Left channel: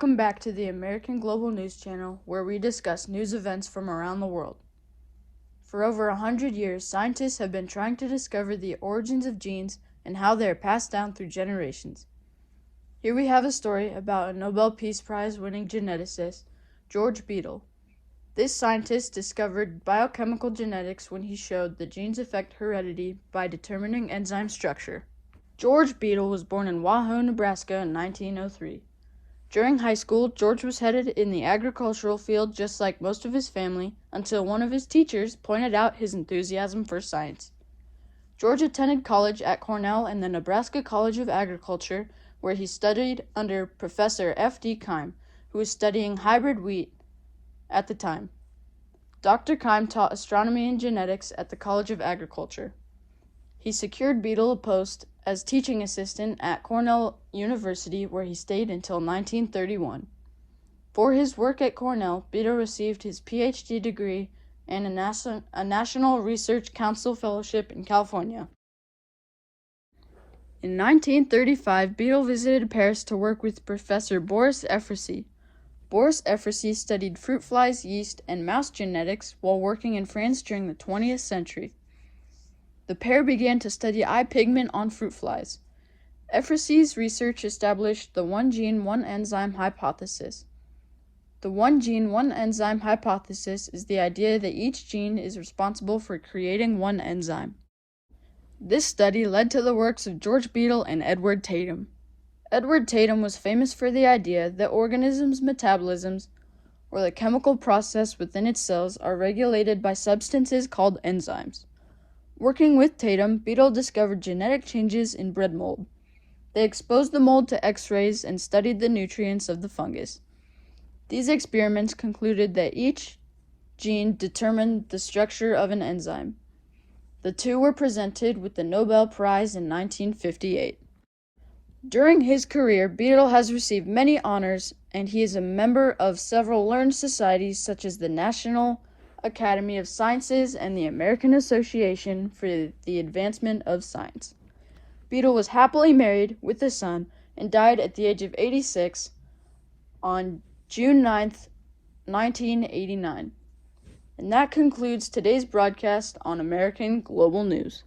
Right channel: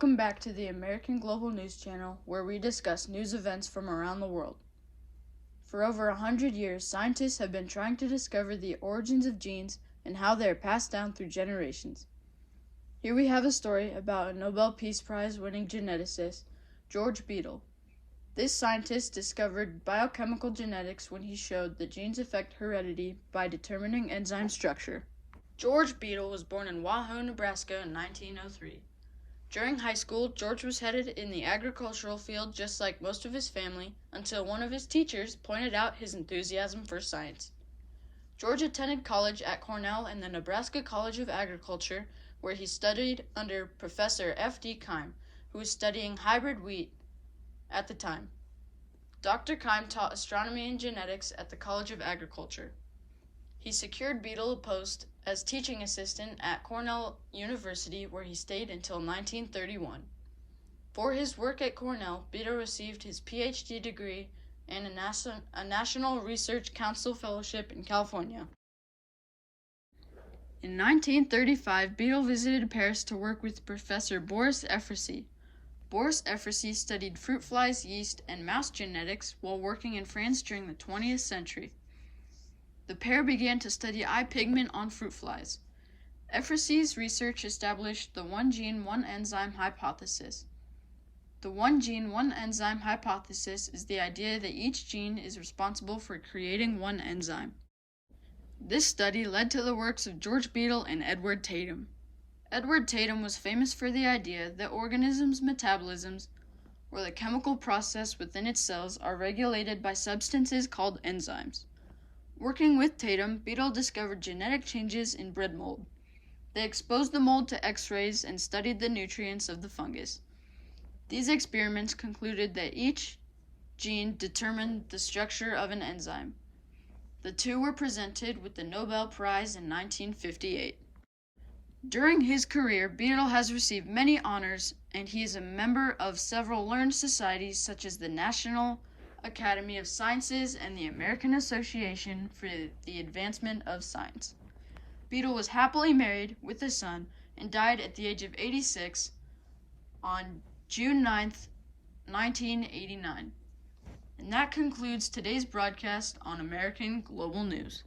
Welcome back to the American Global News Channel, where we discuss news events from around the world. For over 100 years, scientists have been trying to discover the origins of genes and how they are passed down through generations. Here we have a story about a Nobel Peace Prize winning geneticist, George Beadle. This scientist discovered biochemical genetics when he showed that genes affect heredity by determining enzyme structure. George Beadle was born in Wauhau, Nebraska in 1903. During high school, George was headed in the agricultural field just like most of his family until one of his teachers pointed out his enthusiasm for science. George attended college at Cornell and the Nebraska College of Agriculture, where he studied under Professor F.D. Keim, who was studying hybrid wheat at the time. Dr. Keim taught astronomy and genetics at the College of Agriculture. He secured Beadle a post as teaching assistant at Cornell University, where he stayed until 1931. For his work at Cornell, Beadle received his Ph.D. degree and a National Research Council Fellowship in California. In 1935, Beadle visited Paris to work with Professor Boris Efrusy. Boris Efrusy studied fruit flies, yeast, and mouse genetics while working in France during the 20th century. The pair began to study eye pigment on fruit flies. Efrusy's research established the one gene, one enzyme hypothesis. The one gene, one enzyme hypothesis is the idea that each gene is responsible for creating one enzyme. This study led to the works of George Beadle and Edward Tatum. Edward Tatum was famous for the idea that organisms' metabolisms, or the chemical process within its cells, are regulated by substances called enzymes. Working with Tatum, Beadle discovered genetic changes in bread mold. They exposed the mold to X-rays and studied the nutrients of the fungus. These experiments concluded that each gene determined the structure of an enzyme. The two were presented with the Nobel Prize in 1958. During his career, Beadle has received many honors, and he is a member of several learned societies such as the National Academy of Sciences and the American Association for the Advancement of Science. Beadle was happily married with a son and died at the age of 86 on June 9, 1989. And that concludes today's broadcast on American Global News.